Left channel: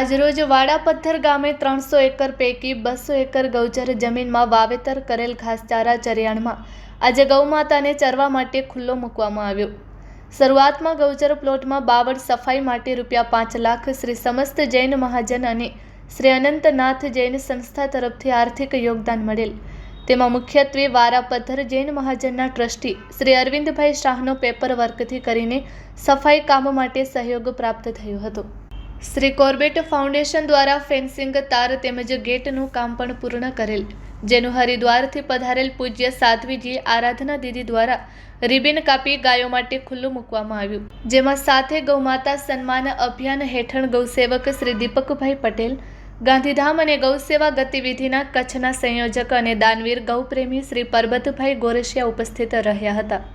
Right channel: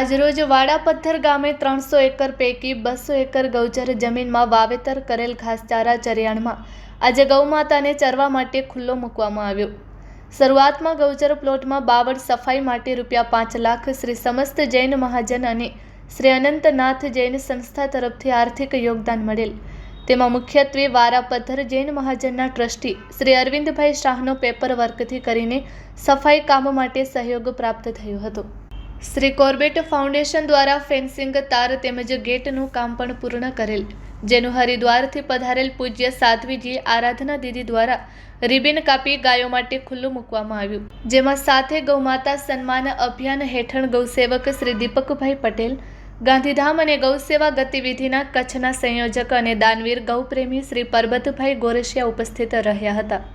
આજરોજ વાડાપથ્થર ગામે 300 એકર પૈકી 200 એકર ગૌચર જમીનમાં વાવેતર કરેલ ઘાસચારા ચરિયાણમાં આજે ગૌમાતાને ચરવા માટે ખુલ્લો મૂકવામાં આવ્યો। શરૂઆતમાં ગૌચર પ્લોટમાં બાવળ સફાઈ માટે ₹5 લાખ શ્રી સમસ્ત જૈન મહાજન અને શ્રી અનંતનાથ જૈન સંસ્થા તરફથી આર્થિક યોગદાન મળેલ। તેમાં મુખ્યત્વે વારાપથ્થર જૈન મહાજનના ટ્રસ્ટી શ્રી અરવિંદભાઈ શાહનો પેપર વર્કથી કરીને સફાઈ કામ માટે સહયોગ પ્રાપ્ત થયો હતો। श्री कॉर्बेट फाउंडेशन द्वारा फेन्सिंग तार तेमज गेटનું કામ પણ પૂર્ણ કરેલ, જેનું હરિદ્વારથી પધારેલ પૂજ્ય સાધ્વીજી આરાધના દીદી દ્વારા રિબિન કાપી ગાયો માટે ખુલ્લું મૂકવામાં આવ્યું, જેમાં સાથે ગૌમાતા સન્માન અભિયાન હેઠળ ગૌસેવક શ્રી દીપકભાઈ પટેલ, ગાંધીધામ અને ગૌસેવા ગતિવિધિના કચ્છના સંયોજક અને દાનવીર ગૌપ્રેમી શ્રી પરબતભાઈ ગોરસિયા ઉપસ્થિત રહ્યા હતા।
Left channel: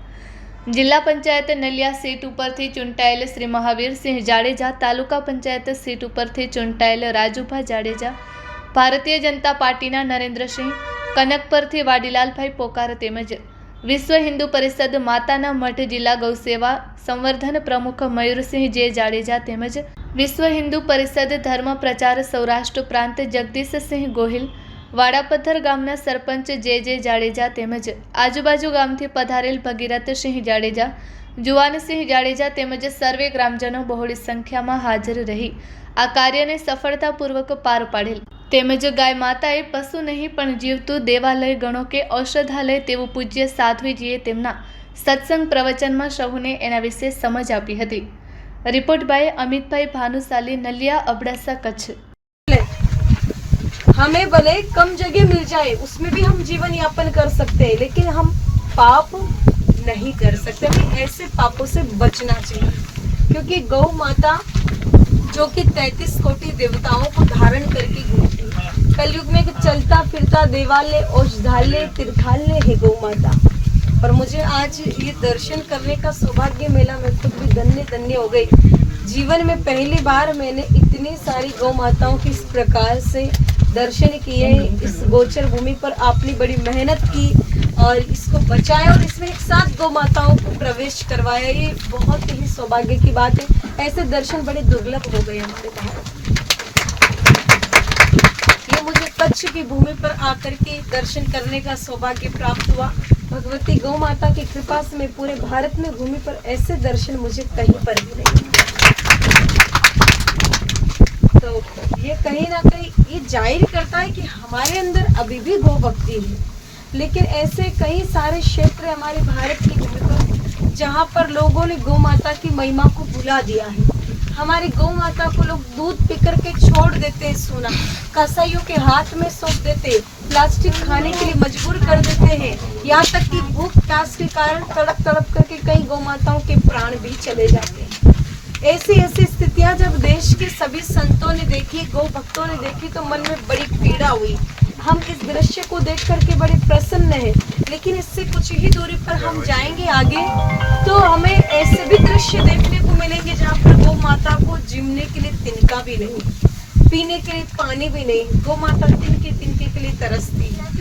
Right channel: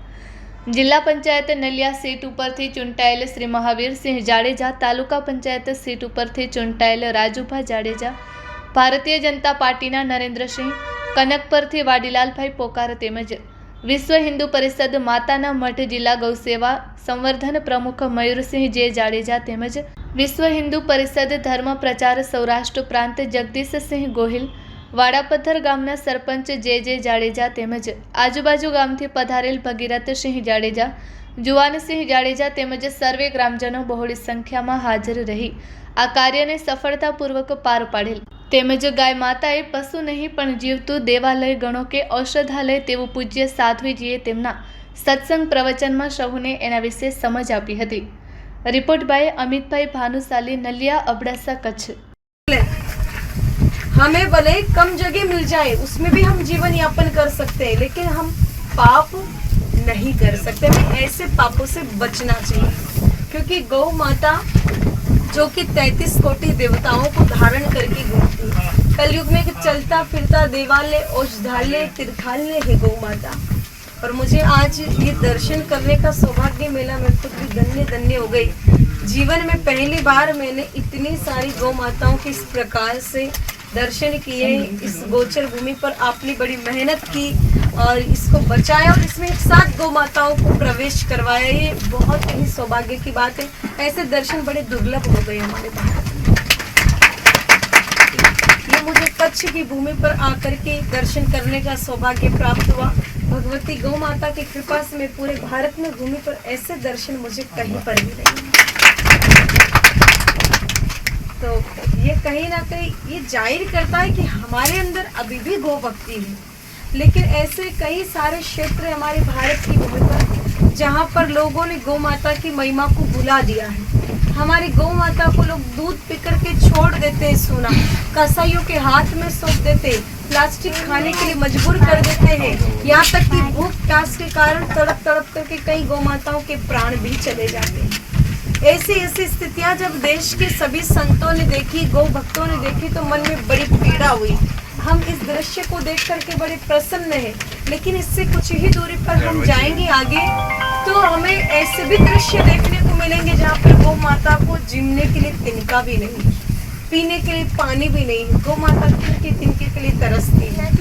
जिला पंचायत नलिया सीट उपरथी चूंटायेल श्री महावीरसिंह जाडेजा, तालुका पंचायत सीट उपरथी चूंटायेल राजूभा जाडेजा, भारतीय जनता पार्टीना नरेन्द्रसिंह, कनकपरथी वाडीलालभाई पोकार तेमज विश्व हिंदू परिषद माताना मठ जिला गौसेवा संवर्धन प्रमुख मयूरसिंह जे जाडेजा तेमज विश्व हिंदू परिषद धर्म प्रचार सौराष्ट्र प्रांत जगदीश सिंह गोहिल, वाड़ापत्थर गामना सरपंच जे जाडेजा तेमज आजूबाजू गामथी पधारेल भगीरथ सिंह जाडेजा, जुवान सिंह जाडेजा तेमज सर्वे ग्रामजनों बहोળી संख्यामां हाजर रही आ कार्यने सफलतापूर्वक पार पाडेल। तेमज गाय माताए पशु नहीं पण जीवतुं देवालय गणो के औषधालय तेवुं पूज्य साध्वीजीए तेमना सत्संग प्रवचनमां सौने एना विशे समज आपी हती। रिपोर्ट बाय अमितभाई भानुशाली, नलिया, अबडासा, कच्छ। हमें भले कम जगह मिल जाए उसमें भी हम जीवन यापन कर सकते हैं, लेकिन हम पाप नहीं कर सकते। हमें ऐसे पापों से बचना चाहिए, क्योंकि गौ माता जो कि 33 कोटि देवताओं को धारण करके घूमती है। कलयुग में चलता फिरता देवालय, औषधालय, तीर्थालय है गौ माता। पर मुझे आज ये दर्शन करने का सौभाग्य मिला, मैं खुद भी धन्य हो गई। जीवन में पहली बार मैंने इतनी सारी गौ माताओं की इस प्रकार से दर्शन किए। इस गोचर भूमि पर आपने बड़ी मेहनत की और इसको बचाया और इसमें एक साथ गौ माताओं को प्रवेश करवाया, ये बहुत ही सौभाग्य की बात है। ऐसे दर्शन बड़े दुर्लभ हो गए हमारे भारत में। ये मुझे कच्छ की भूमि पर आकर के दर्शन करने का सौभाग्य प्राप्त हुआ। भगवती गौ माता की कृपा से मैं पूरे भारत में भूमि पर ऐसे दर्शन मुझे कहीं पर भी नहीं। तो ये कहीं ना कहीं ये जाहिर करता है कि हमारे अंदर अभी भी गौ भक्ति है, लेकिन ऐसे कई सारे क्षेत्र हमारे भारत की भूमि पर जहाँ पर लोगों ने गौ माता की महिमा को भुला दिया है। हमारी गौ माता को लोग दूध पी करके छोड़ देते हैं, सोना कसाईयों के हाथ में सौंप देते, प्लास्टिक खाने के लिए मजबूर कर देते हैं। यहाँ तक कि भूख प्यास के कारण तड़प तड़प करके कई गौ माताओं के प्राण भी चले जाते हैं। ऐसी स्थितियां जब देश के सभी संतों ने देखी, गौ भक्तों ने देखी, तो मन में बड़ी पीड़ा हुई। हम इस दृश्य को देख करके बड़े प्रसन्न हैं, लेकिन इससे कुछ ही दूरी पर हम जाएंगे आगे तो हमें ऐसे भी दृश्य देखने को मिलेंगे जहाँ पर गौ माता को जीने के लिए तिनका भी नहीं, पीने के लिए पानी भी नहीं। गौ माता तिनके तिनके के लिए तरसती है।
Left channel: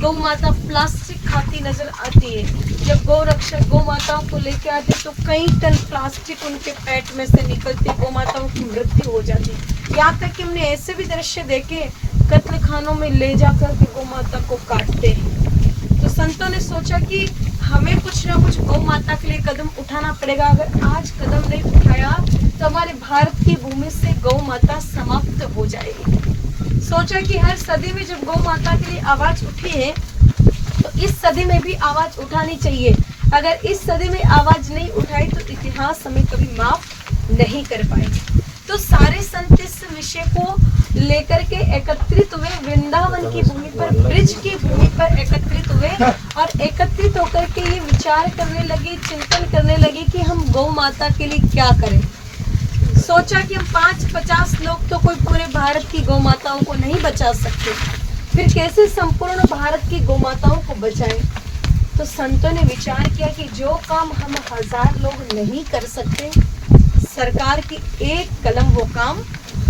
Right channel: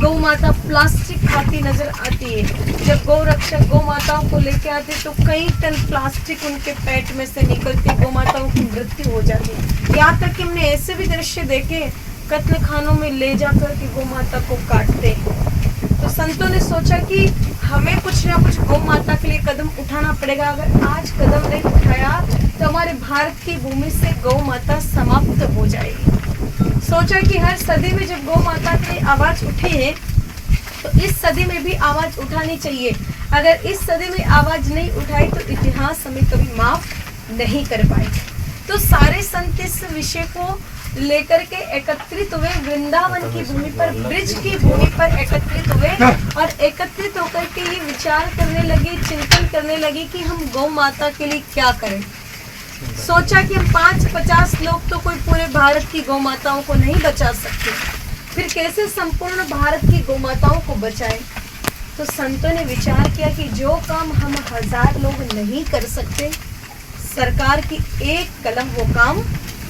गौ माता प्लास्टिक खाती नजर आती है। जब गौ रक्षक गौ माताओं को लेके आते तो कई टन प्लास्टिक उनके पेट में से निकलती, गौ माताओं की मृत्यु हो जाती। यहाँ तक कि हमने ऐसे भी दृश्य देखे, कत्ल खानों में ले जाकर के गौ माता को काटते हैं। तो संतों ने सोचा कि हमें कुछ ना कुछ गौ माता के लिए कदम उठाना पड़ेगा। अगर आज कदम नहीं उठाया तो हमारे भारत की भूमि से गौ माता समाप्त हो जाएगी। सोचा कि हर सदी में जब गौ माता की आवाज उठी है तो इस सदी में भी आवाज उठानी चाहिए। अगर इस सदी में आवाज नहीं उठाई तो इतिहास हमें कभी माफ नहीं कर पाएगा। तो सारे संत इस विषय को लेकर के एकत्रित हुए, वृंदावन की भूमि पर, ब्रिज की भूमि पर एकत्रित हुए और एकत्रित होकर के ये विचार करने लगे, चिंतन करने लगे कि हम गौ माता के लिए क्या करें। सोचा कि हम 5-50 लोग तो कोई पूरे भारत की गौ माताओं को नहीं बचा सकते, फिर कैसे संपूर्ण भारत की गौ माताओं को बचाएं। तो संतों ने विचार किया कि जो काम हम 1000 लोग नहीं कर सकते, सरकार की एक कलम वो काम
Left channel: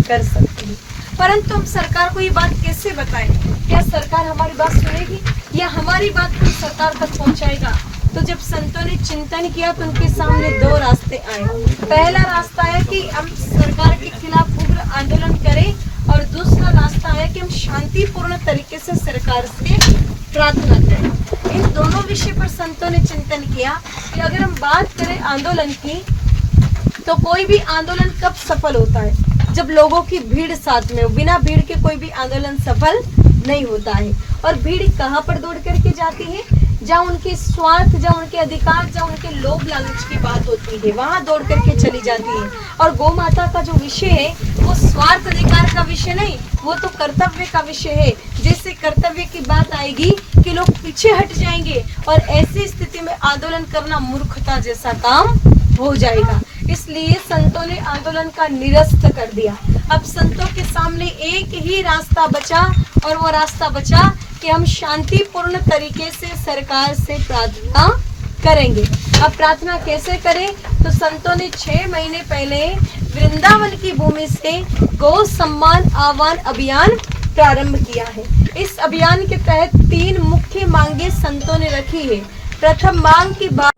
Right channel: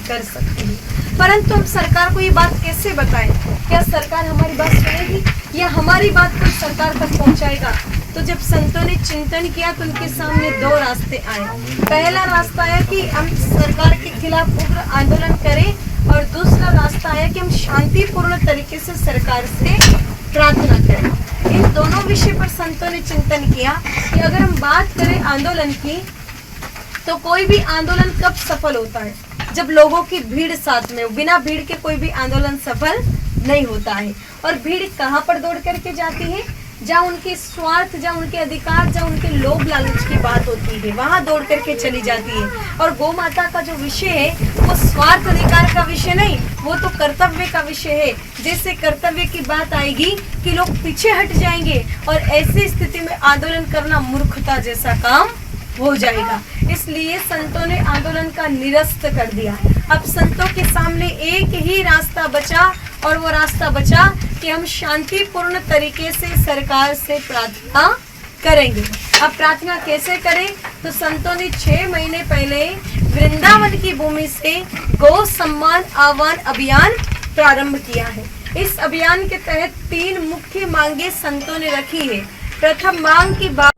कर सकती है। परंतु हम सरकार को ये बात कैसे बताएं? क्या सरकार हमारी बात सुनेगी या हमारी बात कोई सरकार तक पहुंचाएगा? तो जब संतों ने चिंतन किया तो उनके सामने 2 रास्ते आए। पहला रास्ता है कि हम सरकार के खिलाफ उग्र आंदोलन करें शांतिपूर्ण तरीके से सरकार से प्रार्थना करें। इन दोनों विषय पर संतों ने चिंतन किया कि अगर हम बात करें आंदोलन की, तो कोई भी आंदोलन कब सफल होता है? जब लोगों की भीड़ साथ में हो। बिना भीड़ के कोई भी आंदोलन सफल नहीं होता है। और भीड़ कहाँ पर दौड़ करके जाती है? जहाँ उनकी स्वार्थ, जहाँ उनके अधिकार, जहाँ उनके लोभ लालच की बात होती है, वहाँ दौड़ करके चली जाती है। और गौ माता का जो विषय है वो स्वार्थ अधिकार का विषय नहीं, वो तो कर्तव्य का विषय है। जैसे कर्तव्य की बात आएगी कि लोग पीछे हट जाएंगे और ऐसी स्थिति में आंदोलन करना मूर्खता जैसा काम हो जाएगा। इसलिए संतों ने आंदोलन का निरस्त कर दिया। अब संतों के सामने एक ही रास्ता बचा, और वो रास्ता बचा कि हम शांतिपूर्ण तरीके से सरकार से प्रार्थना करेंगे। अब प्रार्थना कैसे करें? तो संतों ने 6 महीने पहले वृंदावन की भूमि से गौ सम्मान आह्वान अभियान प्रारंभ किया है। इस अभियान के तहत 3 मुख्य मांगे संतों ने रखी है। प्रथम मांग की बात